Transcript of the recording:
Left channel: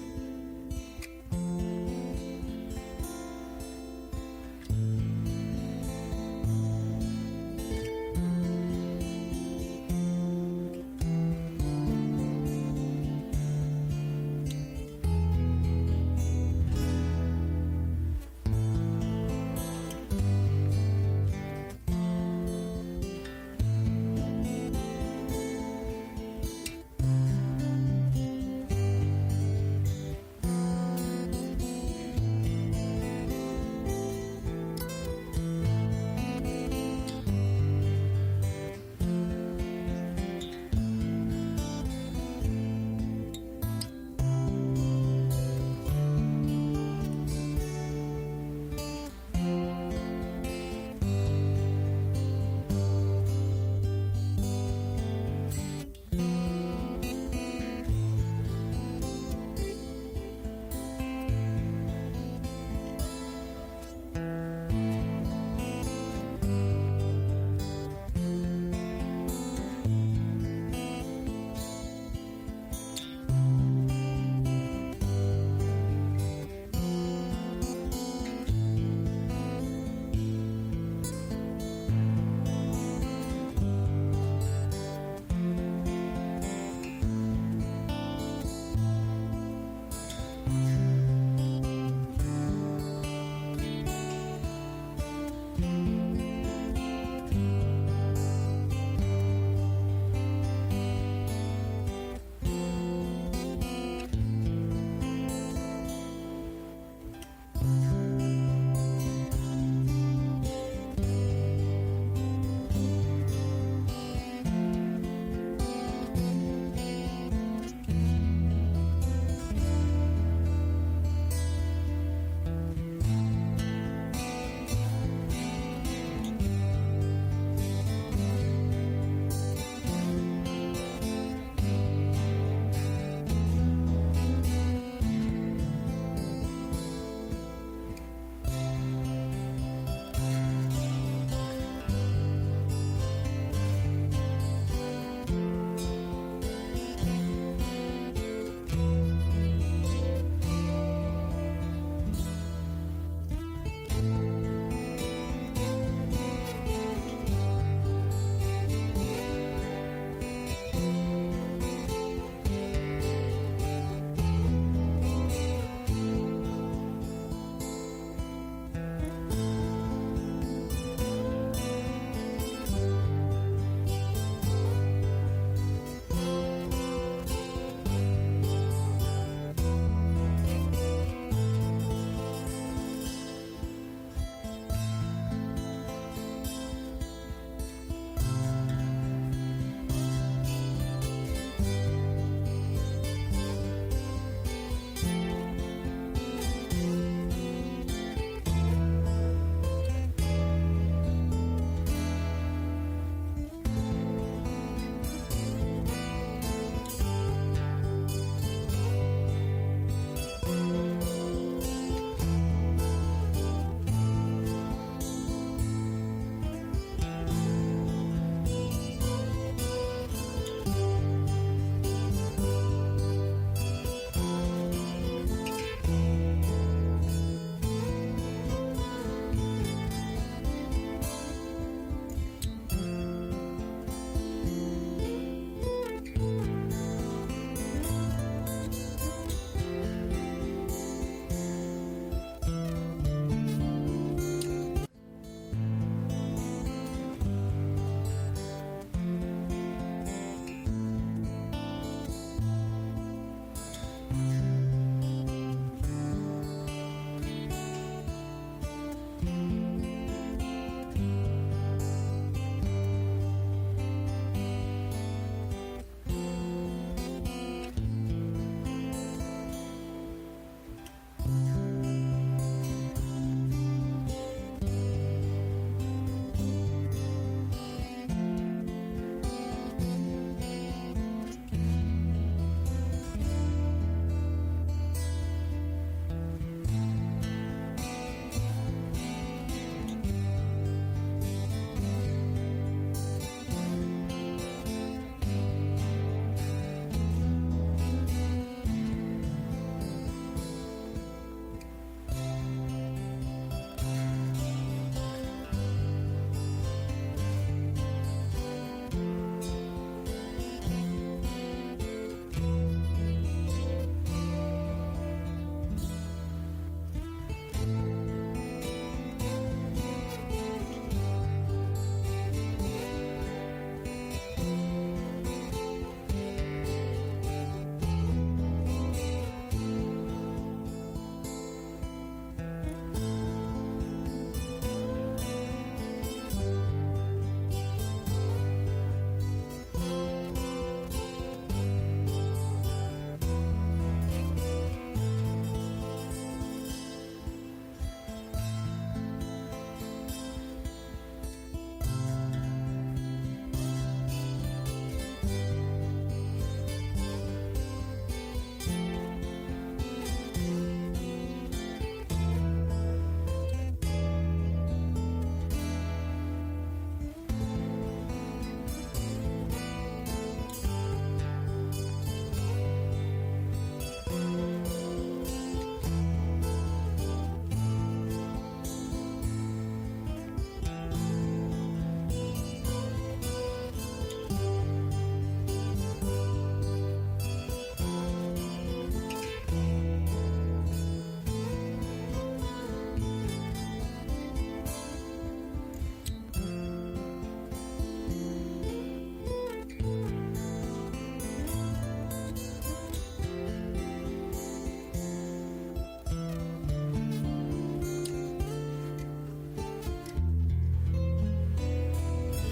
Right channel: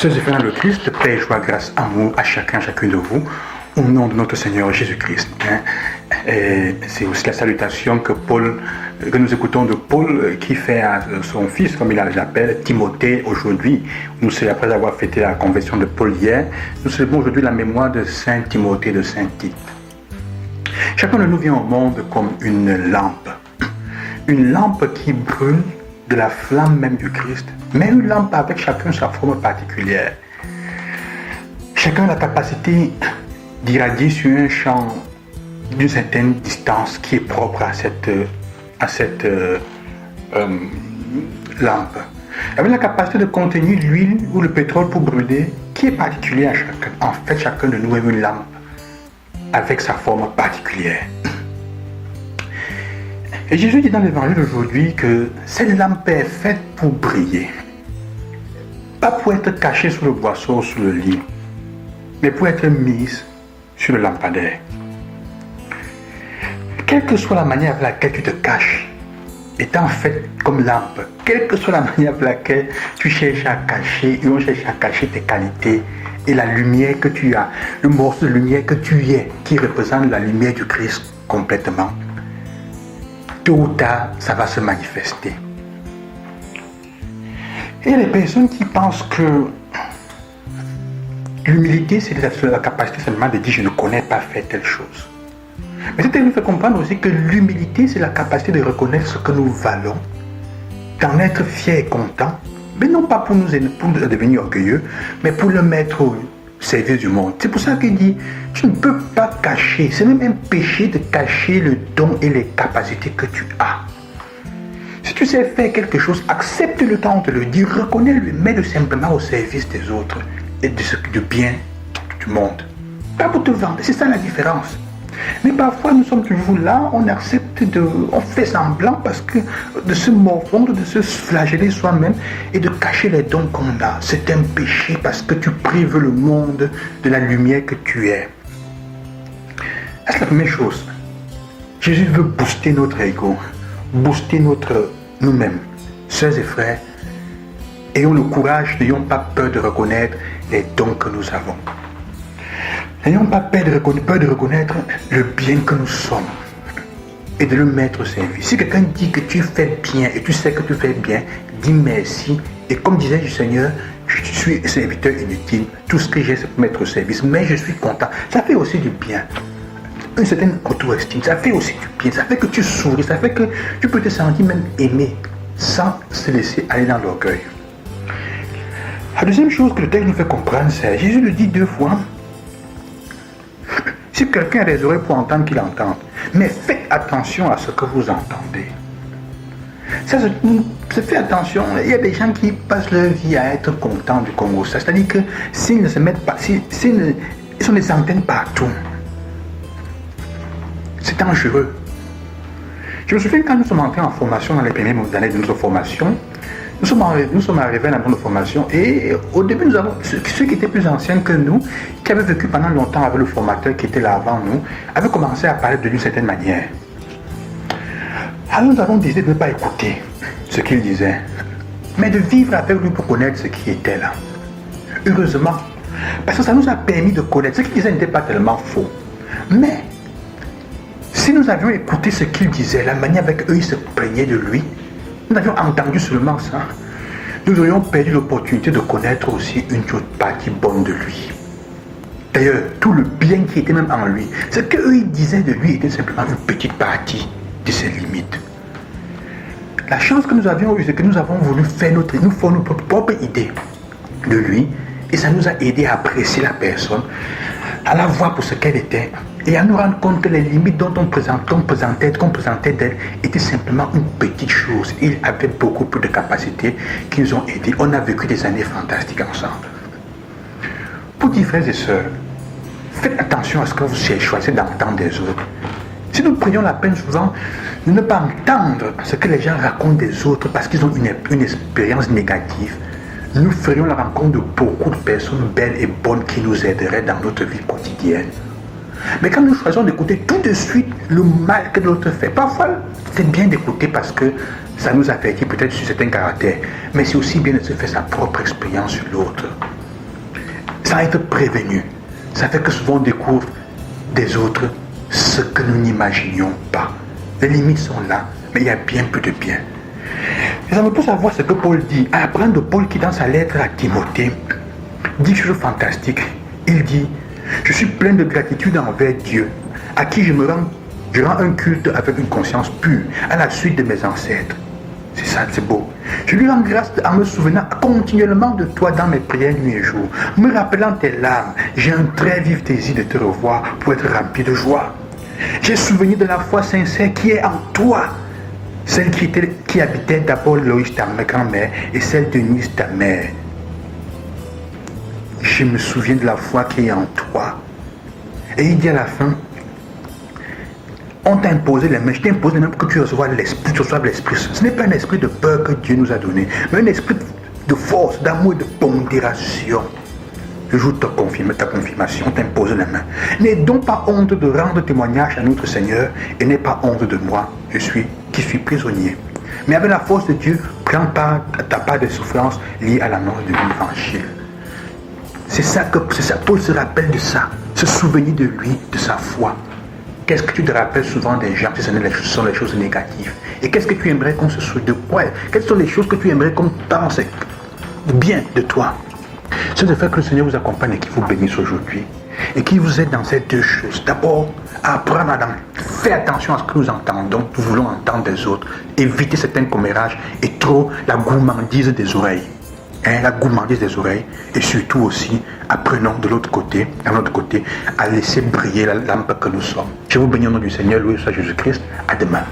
Sœurs et frères dans le Christ, paix, joie, grâce, amour à chacun, chacune de vous, au nom de notre Seigneur Jésus-Christ. C'est aussi la salutation que nous écoutons de Paul qui fait à son fils, comme il l'appelle, Timothée aujourd'hui. Nous, c'est après avoir fêté la conversion de Paul hier, nous célébrons aujourd'hui la mémoire de Saint Timothée, de Saint Tite. Chacun de nous vient au monde comme une lampe qui brûle de la flamme même du Christ, mais une lampe avec chacun sa forme particulière. Chacun a la capacité d'irradier sur un champ d'une certaine distance qui est propre à cette lampe. Avec la capacité de contenir l'huile ou le pétrole pour brûler, qui est particulier à chacun. En fait, chacun de nous est une lampe avec sa forme particulière. Et Jésus dit dans l'évangile d'aujourd'hui que cette lampe est faite pour briller. Pas pour être cachée sous le boisseau ou sous le lit, mais pour être mise sur le lampadaire. Quelle que soit la manière avec laquelle tu te caches, étant faite comme lampe, quelle que soit la manière avec laquelle tu cherches à cacher, ou on cherche à cacher tes qualités et la lumière que tu as, le morceau de lumière que tu es, qui représente la lumière du Christ complètement, tôt ou tard, ça va se manifester. Et il y a des personnes qui pensent que l'humilité, c'est la capacité seulement de dire « je ne connais pas faire telle chose ». Mais c'est nous fait comprendre aussi que l'humilité, c'est la capacité de reconnaître ce que nous valons, d'en être fier et content, mais non pas pour nous devenir orgueilleux, mais pour le mettre au service du monde. C'est pour ça qu'il dit, tu ne peux pas cacher, c'est même un péché de cacher le don et les capacités que tu as. Si tu sais faire quelque chose, accepte le temps de le dire, reconnais-le, mets-le simplement au service des autres et du bien du monde. Pas pour te vendre, c'est ça la différence. Mais parfois nous sommes toujours là, on fait semblant parce que de se morfondre, de se flageller soi-même et de cacher les dons qu'on a. C'est un péché parce que tu prives le monde de la lumière que tu es. C'est la première chose. Jésus veut booster notre ego, booster nous-mêmes. Sœurs et frères, ayons le courage, n'ayons pas peur de reconnaître les dons que nous avons. N'ayons pas peur de reconnaître le bien que nous sommes et de le mettre au service. Si quelqu'un dit que tu fais bien et tu sais que tu fais bien, dis merci. Et comme disait le Seigneur, je suis serviteur inutile. Tout ce que j'ai, c'est pour mettre au service. Mais je suis content. Ça fait aussi du bien. Une certaine auto-estime, ça fait aussi du bien. Ça fait que tu souris, ça fait que tu peux te sentir même aimé sans se laisser aller dans l'orgueil. La deuxième chose que le texte nous fait comprendre, c'est Jésus le dit 2 fois. Si quelqu'un a des oreilles pour entendre, qu'il entende. Mais faites attention à ce que vous entendez. Ça, faites attention. Il y a des gens qui passent leur vie à être contents du Congo. C'est-à-dire que s'ils ne se mettent pas, ils ont des antennes partout. C'est dangereux. Je me souviens quand nous sommes entrés en formation dans les premières années de notre formation, nous sommes arrivés à la grande formation et au début, nous avons ceux qui étaient plus anciens que nous, qui avaient vécu pendant longtemps avec le formateur qui était là avant nous, avaient commencé à parler d'une certaine manière. Alors nous avons décidé de ne pas écouter ce qu'il disait, mais de vivre avec lui pour connaître ce qui était là. Heureusement, parce que ça nous a permis de connaître. Ce qu'il disait n'était pas tellement faux. Mais si nous avions écouté ce qu'il disait, la manière avec eux il se plaignait de lui, nous avions entendu seulement ça, nous aurions perdu l'opportunité de connaître aussi une autre partie bonne de lui. D'ailleurs, tout le bien qui était même en lui, ce qu'eux ils disaient de lui était simplement une petite partie de ses limites. La chance que nous avions eue, c'est que nous avons voulu faire notre propre idée de lui, et ça nous a aidé à apprécier la personne, à la voir pour ce qu'elle était, et à nous rendre compte que les limites qu'on présentait d'elle étaient simplement une petite chose. Il avait beaucoup plus de capacités qui nous ont aidés. On a vécu des années fantastiques ensemble. Pour dire frères et sœurs, faites attention à ce que vous choisissez d'entendre des autres. Si nous prenions la peine souvent de ne pas entendre ce que les gens racontent des autres parce qu'ils ont une expérience négative, nous ferions la rencontre de beaucoup de personnes belles et bonnes qui nous aideraient dans notre vie quotidienne. Mais quand nous choisissons d'écouter tout de suite le mal que l'autre fait, parfois c'est bien d'écouter parce que ça nous affecte peut-être sur certains caractères, mais c'est aussi bien de se faire sa propre expérience sur l'autre. sans être prévenu. Ça fait que souvent on découvre des autres ce que nous n'imaginions pas. Les limites sont là, mais il y a bien peu de bien. Et ça me pousse à voir ce que Paul dit, à apprendre de Paul qui dans sa lettre à Timothée dit quelque chose de fantastique. Il dit, je suis plein de gratitude envers Dieu, à qui je rends un culte avec une conscience pure, à la suite de mes ancêtres. C'est ça, c'est beau. Je lui rends grâce en me souvenant continuellement de toi dans mes prières nuit et jour. Me rappelant tes larmes, j'ai un très vif désir de te revoir pour être rempli de joie. J'ai souvenir de la foi sincère qui est en toi, celle qui habitait d'abord Loïs, ta grand-mère, et celle de Nice, ta mère. Je me souviens de la foi qui est en toi. Et il dit à la fin, on t'a imposé les mains, je t'ai imposé les mains pour que tu reçoives l'esprit. Ce n'est pas un esprit de peur que Dieu nous a donné, mais un esprit de force, d'amour et de pondération. Le jour de ta confirmation, on t'a imposé les mains. N'aie donc pas honte de rendre témoignage à notre Seigneur et n'aie pas honte de moi, qui suis prisonnier. Mais avec la force de Dieu, prends part à ta part des souffrances liées à l'annonce de l'évangile. C'est ça, Paul se rappelle de ça, se souvenir de lui, de sa foi. Qu'est-ce que tu te rappelles souvent des gens si ce sont les choses négatives? Et qu'est-ce que tu aimerais qu'on se souvienne de quoi? Quelles sont les choses que tu aimerais qu'on pense bien de toi? C'est de faire que le Seigneur vous accompagne et qu'il vous bénisse aujourd'hui. Et qu'il vous aide dans ces deux choses. D'abord, apprendre à faire attention à ce que nous entendons, nous voulons entendre des autres. Éviter certains commérages et trop la gourmandise des oreilles. La gourmandise des oreilles. Et surtout aussi, apprenons de l'autre côté, à laisser briller la lampe que nous sommes. Je vous bénis au nom du Seigneur, loué soit Jésus-Christ. À demain.